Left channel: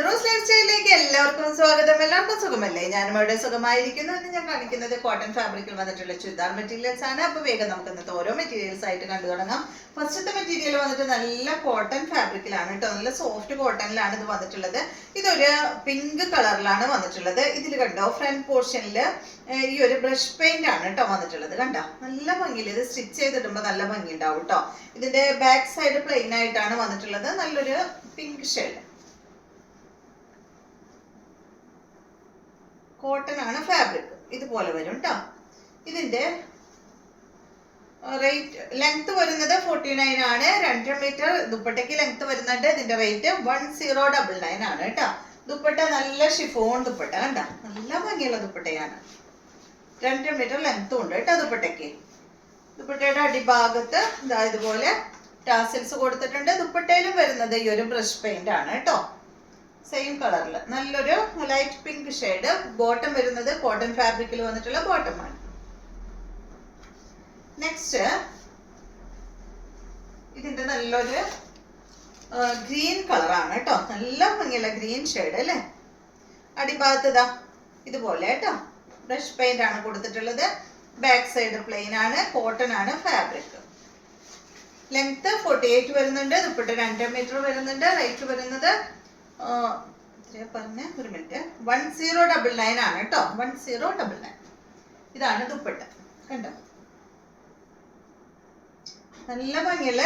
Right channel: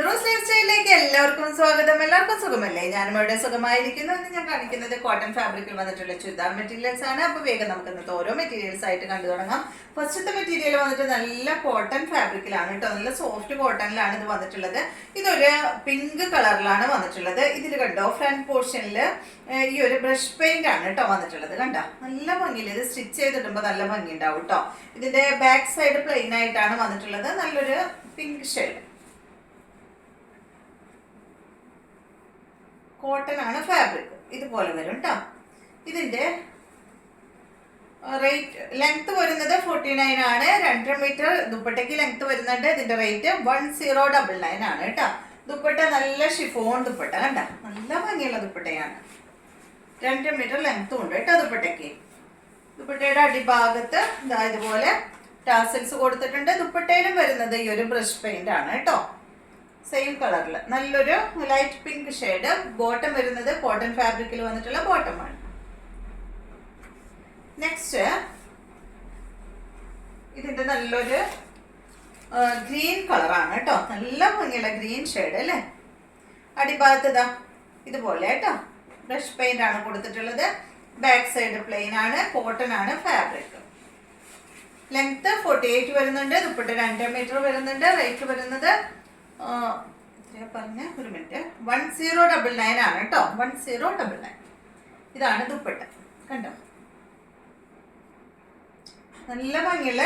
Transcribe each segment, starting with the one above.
കുഞ്ഞുറോസ് life സ്റ്റൈലിലേക്ക് എല്ലാവർക്കും സ്വാഗതം. എല്ലാവർക്കും സുഖമല്ലേ? ഞാനും ഇവിടെ സുഖമായിരിക്കുന്നു. എന്ന് ഞാൻ കാണിക്കുന്നത് കോട്ടൺ ഫാബ്രിക്കിൽ വന്നിട്ടുള്ള ചുരിദാർ മെറ്റീരിയൽസ് ആണ്. അപ്പോൾ വേഗം നമുക്ക് ഇന്നത്തെ ഓരോ മെറ്റീരിയൽസ് ആയിട്ട് കണ്ടു തുടങ്ങാം. ഫസ്റ്റത്തെ മെറ്റീരിയൽ വന്നിട്ട് നല്ല കോട്ടൺ ഫാബ്രിക്കിലാണ് കേട്ടോ. നല്ല സോഫ്റ്റ് കോട്ടണിലാണ് ഇത് വന്നിട്ടുള്ളത്. ഇതൊരു പിങ്ക് കളറിലാണ് വന്നിട്ടുള്ളത്. ഇതിൽ കണ്ടോ ഫ്രണ്ട് പോർഷനിൽ ഈ ഒരു ബ്രഷ് പെയിന്റ് ആണ് കേട്ടോ വന്നിട്ടുള്ളത്. കണ്ടോ നല്ല ഭംഗിയില്ല. ഇത് സ്റ്റിച്ച് ചെയ്തിടുമ്പോൾ നല്ല ഭംഗി ഉണ്ടാവും കേട്ടോ. ഇതിന്റെ ബാക്ക് സൈഡ് പ്ലെയിൻ ആയിട്ടാണ് വന്നിട്ടുള്ളത്. നല്ലൊരു പിങ്ക് ഷെയ്ഡ് കോട്ടൺ ആണ് ഫാബ്രിക്. ഇതുപോലെ വരും കേട്ടോ. ഇതിന്റെ റേറ്റ് ലെങ്ത് വരുന്നത് 49 ആണ്. 2.5 മീറ്റർ ദുപ്പട്ടയ്ക്ക് ലെങ്ത് വരുന്നുണ്ട്. ഇതിന്റെ റേറ്റ് 1099 ആണ് കേട്ടോ. ദുപ്പട്ട നല്ല ഷിഫോൺ ദുപ്പട്ട കണ്ട നല്ല ഭംഗിയുള്ള ദുപ്പട്ടയാണ്. 2 മീറ്റർ ലെങ്ത്തും ഉണ്ട് കേട്ടോ ദുപ്പട്ടയ്ക്ക്. ദുപ്പട്ടയുടെ അടിഭാഗത്ത് ഇതുപോലെ ടാസൽസ് കൊടുത്തിട്ടുണ്ട്. ദുപ്പട്ടയിലും വരുന്നത് ഈ ഒരു ബ്രഷ് പെയിന്റ് ആണ് കേട്ടോ. സെയിം കളറിൽ നല്ലൊരു ലൈറ്റ് പിങ്ക് ഷെയ്ഡ്. ബോട്ടം വരുന്നത് കോട്ടൺ ഫാബ്രിക്കിൽ വന്നിട്ടുള്ള ബോട്ടമാണ്. നെക്സ്റ്റ് ഇതിന്റെ നല്ലൊരു ഗ്രീൻ കളറാണ് കേട്ടോ. നല്ല ഭംഗിയുള്ള ഗ്രീൻ ഷെയ്ഡ് അല്ലേ. അടിഭാഗത്ത് ഇതാ ഇതുപോലെ കേട്ടോ ബ്രഷ് പെയിന്റ് ആണ് കൊടുത്തിട്ടുള്ളത്. ബാക്ക് സൈഡ് പ്ലെയിൻ ആണ്. കോട്ടൺ ആണ് ഫാബ്രിക്. ലെങ്ത് 48 വരുന്നുണ്ട്. ദുപ്പട്ട 2 മീറ്റർ വരുന്നുണ്ട്. റേറ്റ് വരുന്നത് പറഞ്ഞ ഒരു മിനിറ്റ് 1099 ആണ് കേട്ടോ. 1099. ഇതാണ് ദുപ്പട്ട കണ്ടോ. നല്ല ഭംഗിയുള്ള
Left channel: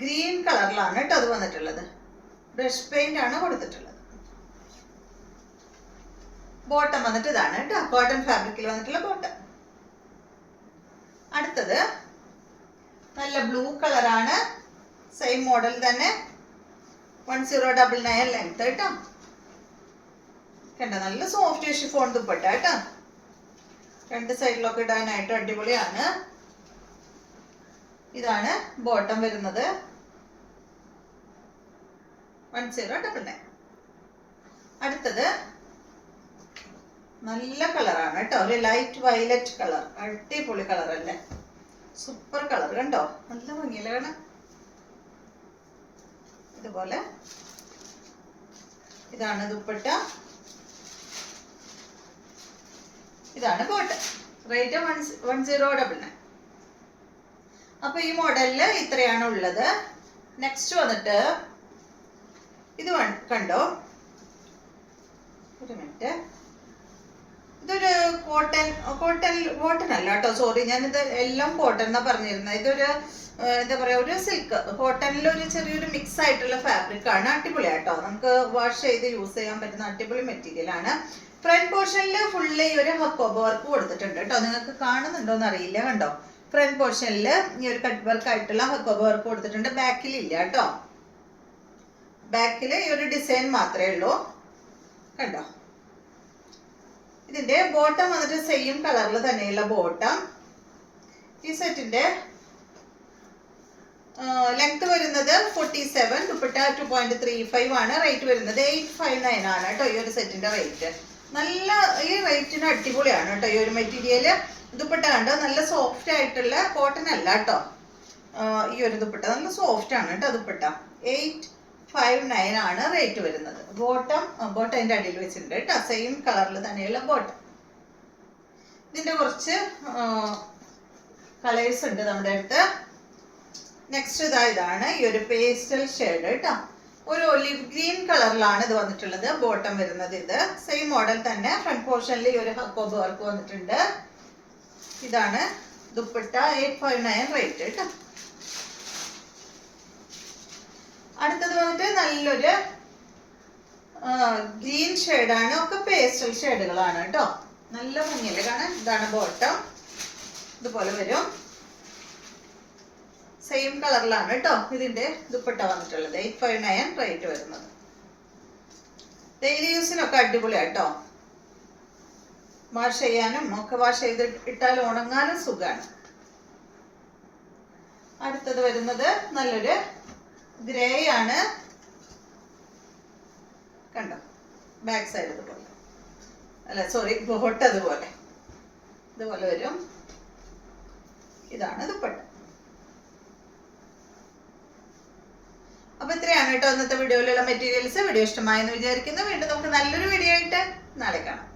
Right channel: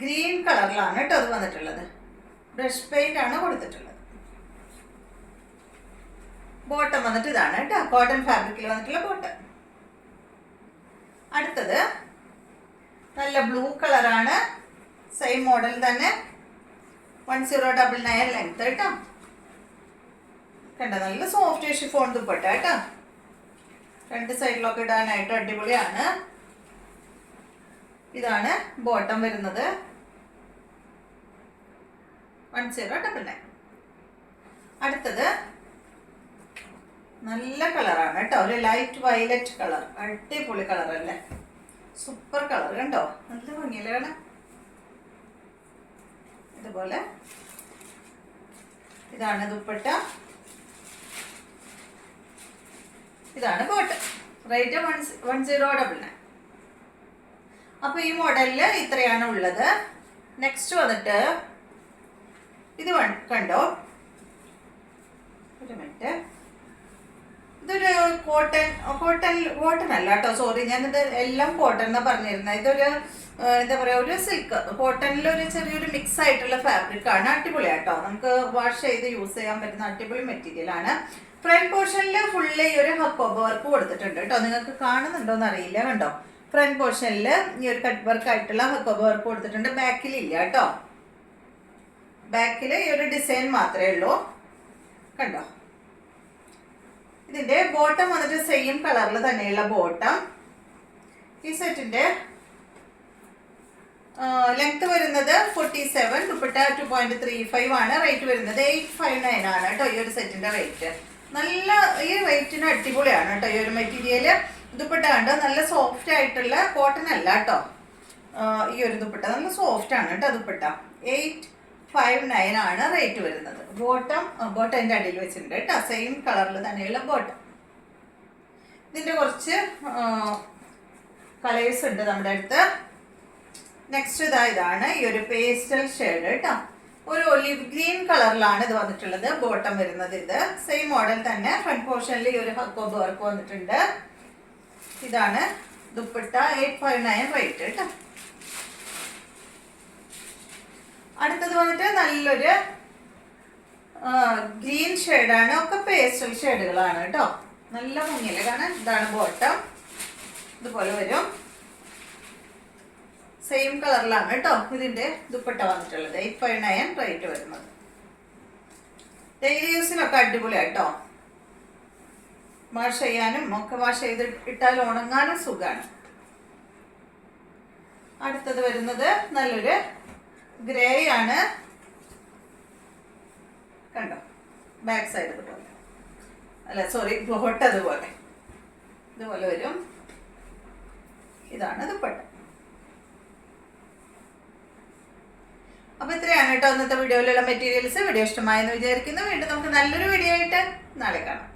ഗ്രീൻ കളറിലാണ് കേട്ടോ അത് വന്നിട്ടുള്ളത്. ബ്രഷ് പെയിന്റ് ആണ് കൊടുത്തിട്ടുള്ളത്. ബോട്ടം വന്നിട്ട് ഇതാണ് കേട്ടോ. കോട്ടൺ ഫാബ്രിക്കിൽ വന്നിട്ടുള്ള ബോട്ടം. അടുത്തത് നല്ല ബ്ലൂ കളറാണ്. സെയിം മോഡൽ തന്നെ 1099 ലെങ്ത് കേട്ടോ. കണ്ട നല്ല സോഫ്റ്റ് ഷിഫോൺ ദുപ്പട്ട കേട്ടോ. രണ്ട് സൈഡിലൊക്കെ ഇടാനായിട്ട് അടിപൊളിയാണ്. ഇതാണ് ബോട്ടം വരുന്നത് 1099. അടുത്തത് നല്ല കളറാണ് കേട്ടോ. ഒരു ലൈറ്റ് വയലറ്റ് കളർ. അടിപൊളി കളർ അല്ലേ. സൂപ്പർ കളർ കണ്ടോ. നല്ല ഭംഗിയല്ലേ കാണാൻ. ഇതുപോലെ ഇതാണ് ദുപ്പട്ട. ഇതാണ് ബോട്ടം. റേറ്റ് 1099. അപ്പൊ ഈ മോഡലില് ഇത്രയാണ് ഉള്ളത്. നെക്സ്റ്റ് വന്നിട്ട് ഇത് കണ്ടോ ഒരു മിനിറ്റ്. ഇതൊരു കോട്ടൺ അല്ല കേട്ടോ. സോറി, ഞാനിത് എല്ലാം കോട്ടൺ എന്നാ പറഞ്ഞിരുന്നത്. ഇതൊരു എന്താ പറയാ ഒരു സിൽക്ക് കോട്ടണിൽ ഒരു ചെറിയൊരു മിക്സ് ആയിട്ടുള്ള ഫാബ്രിക് ആണ്. അടിപൊളിയാട്ടോ. നമുക്ക് വാഷ് ചെയ്ത് യൂസ് ചെയ്യാൻ പറ്റുന്ന അടിപൊളി മെറ്റീരിയൽ ആണ്. ഫ്രണ്ട് പോർഷനിൽ ഫുള്ള് ഈ ഒരു ഹക്കോബ വർക്ക് കൊടുത്തിട്ടുണ്ട് കേട്ടോ. നിങ്ങൾക്ക് കാണുന്നുണ്ടോന്ന് അറിയില്ല. കണ്ടോ ഫ്രണ്ട് പോർഷനിൽ ഈ ഒരു കട്ട് വർക്ക് ആയിട്ടുള്ള ഹക്കോബ വർക്ക് കൊടുത്തിട്ടുണ്ട്. ബാക്കിൽ ഇല്ല കേട്ടോ. ബാക്കിൽ ഈ ഒരു ഡിസൈൻ മാത്രമേ ഉള്ളൂ. കണ്ടോ. ഇതിന്റെ ബോട്ടം വന്നിട്ട് സെയിം കളറിൽ തന്നെയുള്ള ബോട്ടം. ഈ സെറ്റിന്റെ ലെങ്ത് വരുന്നത് 47. ദുപ്പട്ട 2.35 ആണ്. റേറ്റ് വരുന്നത് 859 ആണ് കേട്ടോ ഈ ഒരു സെറ്റിന്റെ റേറ്റ്. നല്ല ഈ റേറ്റിന് അടിപൊളിയാണ് കേട്ടോ ഈ ഒരു മെറ്റീരിയൽ. ദുപ്പട്ട കണ്ടോ നല്ല സോഫ്റ്റ് ആയിട്ടുള്ള കോട്ടൺ അല്ല കേട്ടോ. ഈ ഒരു ദുപ്പട്ട നല്ല സോഫ്റ്റ് ആണ് കേട്ടോ ദുപ്പട്ട. 859 ആണ് റേറ്റ് വരുന്നത്. ബോട്ടം അതിന്റെ അടിയിൽ വെച്ചിട്ടുണ്ട് കേട്ടോ. സെയിം കളറിൽ തന്നെയുള്ള ബോട്ടം. ഇതിന്റെ കുറച്ച് കളേഴ്സ് ഉണ്ട് നമ്മുടെ അടുത്ത്. നെക്സ്റ്റ് ഇതാണ് ഈ ഒരു പേസ്റ്റൽ ഷെയ്ഡ് കേട്ടോ. ഒരു ഒലിവ് ഗ്രീൻ കളറിലാണ് ഇത് വന്നിട്ടുള്ളത്. ബോട്ടം വരുന്നത് ഇത് സെയിം മോഡൽ തന്നെ. ഫ്രണ്ട് പോർഷനിൽ ഈ ഒരു ഹക്കോബ് വർക്ക് വന്നിട്ടുണ്ട്. ഇതാണ് ദുപ്പട്ട. 859 റേറ്റ് കേട്ടോ. അടുത്തത് വന്നിട്ട് നല്ലൊരു ഗ്രീൻ ഷെയ്ഡാണ്. ഒക്കെ പേസ്റ്റൽ ഷെയ്ഡുകളാണ് കേട്ടോ. നല്ല ഭംഗിയല്ലേ കാണാൻ. ഇതാണ് ബോട്ടം. ഇതുപോലെ വരും. സെയിം കളറിലാണ് കേട്ടോ ഇതിന്റെ ദുപ്പട്ട വന്നിട്ടുള്ളത്. 859 റേറ്റ് വരുന്നത്. ഡെയിലി യൂസിനൊക്കെ അടിപൊളിയാട്ടോ. വാഷ് ചെയ്യാനും ഒക്കെ വാഷ് ചെയ്ത് ഇട്ടാൽ ഉണങ്ങാനും സുഖമാണ്. അടുത്തത് വരുന്നത് നല്ലൊരു ഗ്രേ ആണ്. കണ്ടോ ബാക്ക് സൈഡ് ഇതുപോലെ അല്ല സോറി ബോട്ടം ഇതുപോലെ വരും. ഇതാണ് ദുപ്പട്ട. അപ്പൊ ഇത്രയാണ് കേട്ടോ ഇന്നത്തെ വീഡിയോയിലുള്ള മെറ്റീരിയൽസ്. വീഡിയോ ഇഷ്ടമായെന്ന് വിചാരിക്കുന്നു. വീണ്ടും നമുക്ക് നല്ലൊരു വീഡിയോ ആയിട്ട് നാളെ കാണാം.